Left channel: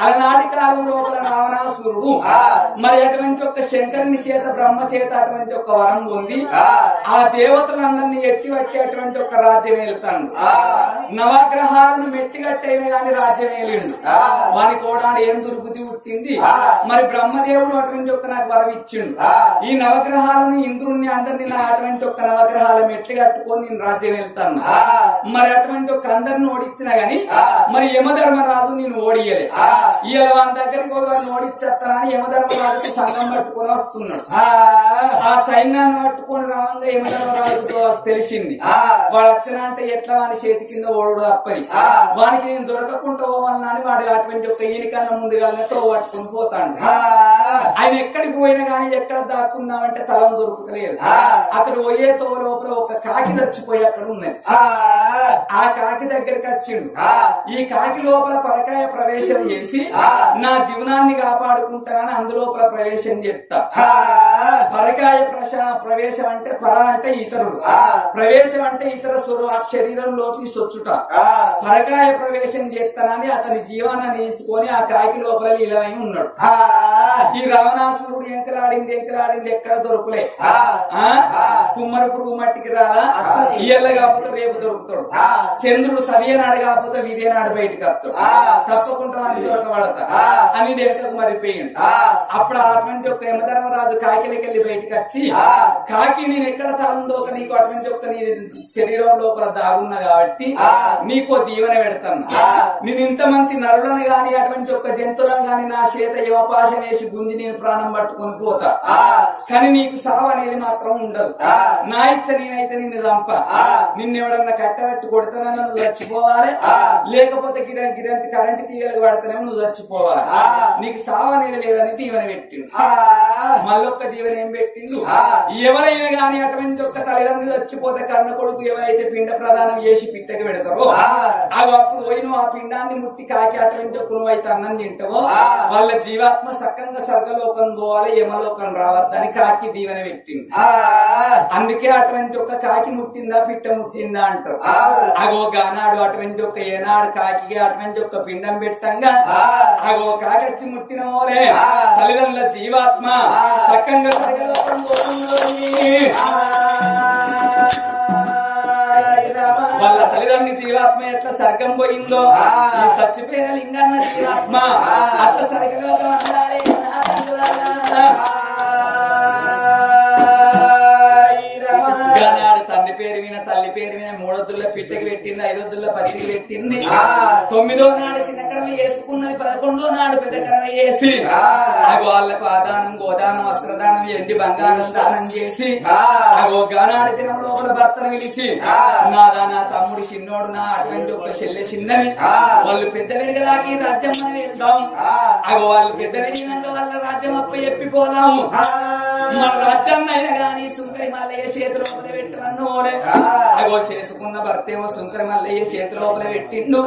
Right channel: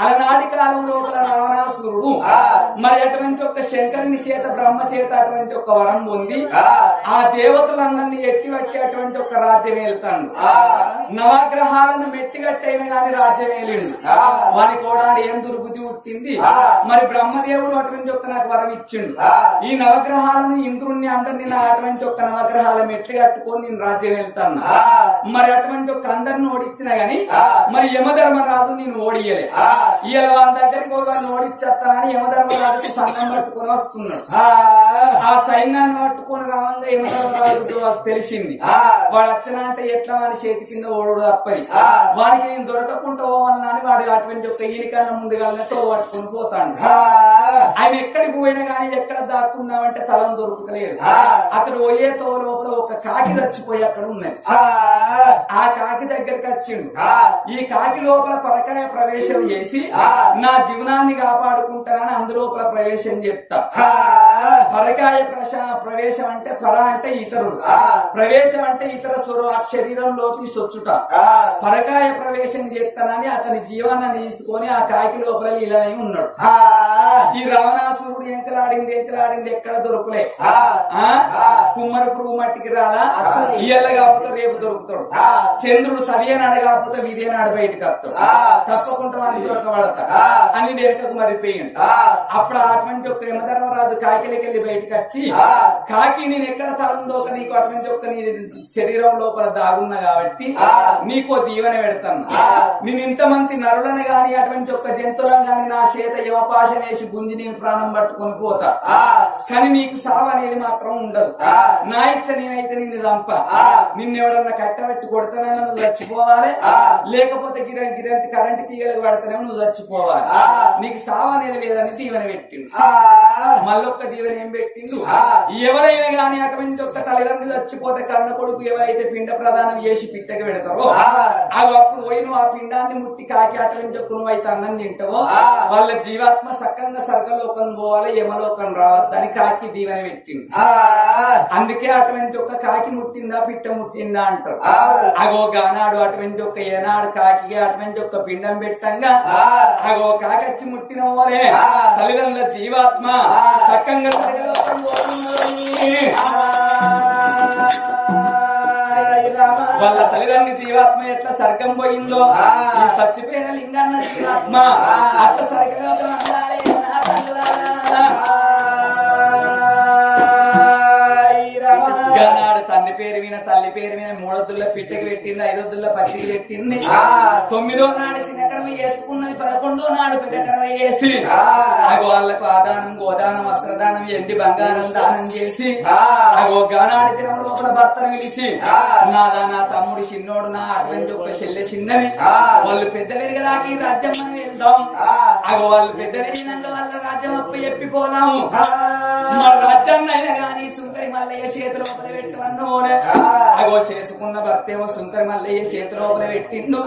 అలనాటి కాలం లోపల రావణాసురుడు మరి అటువంటి ఒక శంకరుని చేత బ్రహ్మ చేత అటువంటి ఒక వరం ఉంది. ఆ దేవతలందరినీ ఎట్టివట్టి అటువంటి ఒక రాజ్యం వెళ్తాను. నవగ్రహాలను మెట్టిగట్టైన గాని రాజ్యం వేలిండు. వాని కూడా ఏం దుర్బుద్ధి పుట్టింది. మరి బ్రహ్మదేవుడు అటువంటి ఒక నాకు వరం ఇచ్చిండు. ఈ నవగ్రహాలను ఇంద్రుణ్ణి అందరినీ నా అటువంటి ఒక నవగ్రహాల మెట్లు కట్టుకొని నేను రాజ్యం వెళ్తాను. మరి అటువంటి ఒక అందరిని ఓడించినా గాని మరి యమధర్మరాజు నేను ఓడియలే. ఇవాళ వాళ్ళ దగ్గరికి ఒకరిని ఓడిచ్చేస్తానని యమధర్మరాజుకి సంఘం పట్టుకొని వస్తున్నాడు. ఆ సైన్యాన్ని పట్టుకొని రావంగా యమధర్మరాజుతో తెలిసింది. వాడు వచ్చినా అంటే ఎట్లా వాని చేతి కింద ఓడు తప్పని వానికి నేను దొరకకుండా పోవాలని అని వాడు అటువంటి ఒక ఈయనకన్నా ముందుగానే తో పట్టుకుని పోతాడు. ఆయన ఎక్కడికి పోయినా గానీ ఎక్కడ దాక్కున్నామంటే తలం దొరుకుతలేదు. అతడు పోయే తో లోపల ఒక కాకి చచ్చిపోయి అక్కడ ఉన్నది. ఆ కాకి దగ్గరికి వచ్చిండు. ఈ కాకి లోపల పరకాయ ప్రవేశం చేసి నా జీవనాన్ని కాపాడుకుంటానని అందులోపల ప్రవేశం చేస్తా. పరకాయ ప్రవేశం అంటే పర అంటే ఇతరుడు, ప్రవేశం అంటే ఇతర శరీరంలోకి సొచ్చుట. పరకాయ ప్రవేశం చేస్తానని అతని జీవాన్ని తీసుకొని ఆ కాకి లోపల ఇలవై ఉన్నాడు. ఈ రావణాసురుడు ఎంకలాడింది ఎక్కడ దొరుకులే. కుమ్మరి పురుగు మట్టికి రాలా, ఇయ్యల్ల కాకపోతే రేపు దొరుకుతాడు. చంద్రుడు సరియనాడు కాకపోతే విదేనాడు బయటకు వస్తాడు. తప్పకుండా మంది దొరకబడతా అని దేశకు మరిపోయింది. అప్పుడు అటువంటి ఒక యమధర్మరాజు కాకిలకెళ్ళి బయటకు వచ్చి కాకి నేను ఎక్కడ తరందోక నీకు అటువంటి ఒక నీ శరీరం లోపల దాగున్నా కాబట్టి నీకో దీవెన పెడతాను. నేను ఇంతమంది నరులను గాని అటువంటి ఒక జంతువులను గాని నా చేత యమపాశం వేసి గుంజి నేను ప్రాణం పట్టుకొని పోతా. కానీ నీకు సావు అనేది మాత్రం ఉండదు. నా ఇచ్చ నేనైతే నిన్ను చంప. నిన్నెవడన్నా కట్టబెట్టి కొడతానన్నా నువ్వు చచ్చిపోవాలి, లేకపోతే గిరంటి కరెంట్ తీయలకు పడతానే నువ్వు చచ్చిపోవాలి. నీకు సావు అనేది లేదని దీవెన పెట్టిండు. మళ్ళొక్క దీవెన ఏం పెట్టిండు, ఎవరైనా గాని అటువంటి ఒక్క తల్లిదండ్రులు చచ్చిపోతే కన్న కొడుకు ఎవరైతే పిండ ప్రదానం చేసి పిట్టకి పెడతారో అప్పుడు పోయి నువ్వు ఆ పిండాన్ని ముట్టి కాకి అటువంటి ఒక్క నువ్వైతే అన్నం తింటావో వాళ్ళ జీవాత్మ సక్కంగా స్వర్గలోకం పోవాలి, యమలోకం రావద్దని కాకి దీవెన పెట్టింది. అందుకే అటువంటి ఒక కాకి ముట్టిందా పిట్ట ముట్టిందా అంటారు. అగో గానాడు అటువంటి ఒక ఏనాడు కాకి అటువంటి ఒక పిండం పెట్టంగా అగో కాకి వచ్చి ముట్టిన ఓరే తల్లిదండ్రుల జీవాత్మ సక్కంగా స్వర్గలోకం వాళ్ళ తల్లిదండ్రుల జీవాత్మ ఎట్లా సర్గం పోయిందో ఈ చచ్చిపోయిన లింగన్న జీవాత్మ అట్లా సర్గలోకం అందాలి. నాడు తండ్రి పేరు విన తల్లి పేరు విన 3 వద్దుల్లో పిట్టకి పెట్టింది, 5 వద్దుల్లో పచ్చికి పెట్టింది, 9వ నాడు చిన్నకరమ వేసుకున్నది, 11వ నాడు పెద్దకరమ వేసి అగో వాళ్లకు ఆదానం గోదానం వస్త్రదానం ఎండి బంగారం దానం చేసి అగో గానాడి దినం లోపల భర్తను పిలిచి నాదా నా తమ్ముడు చిన్నోడు నా అటువంటి ఒక చెల్లె చిన్నని వాళ్ళు పెద్ద పెరిగదాకి రాజ్యం మనం వెళ్దాం. అగో వాళ్ళు పెద్ద పెరిగినాక వాళ్ళ రాజ్యం అప్పు చెప్పిపోదాము. మన రాజ్యాన్ని అయినా గాని సుంకరి మల్లయ్య చేతిలో పెట్టమన్నోనే అగో చేసుకున్న భర్తేమో సుంకరి మల్లయ్య చేతిలో పెట్టిండు.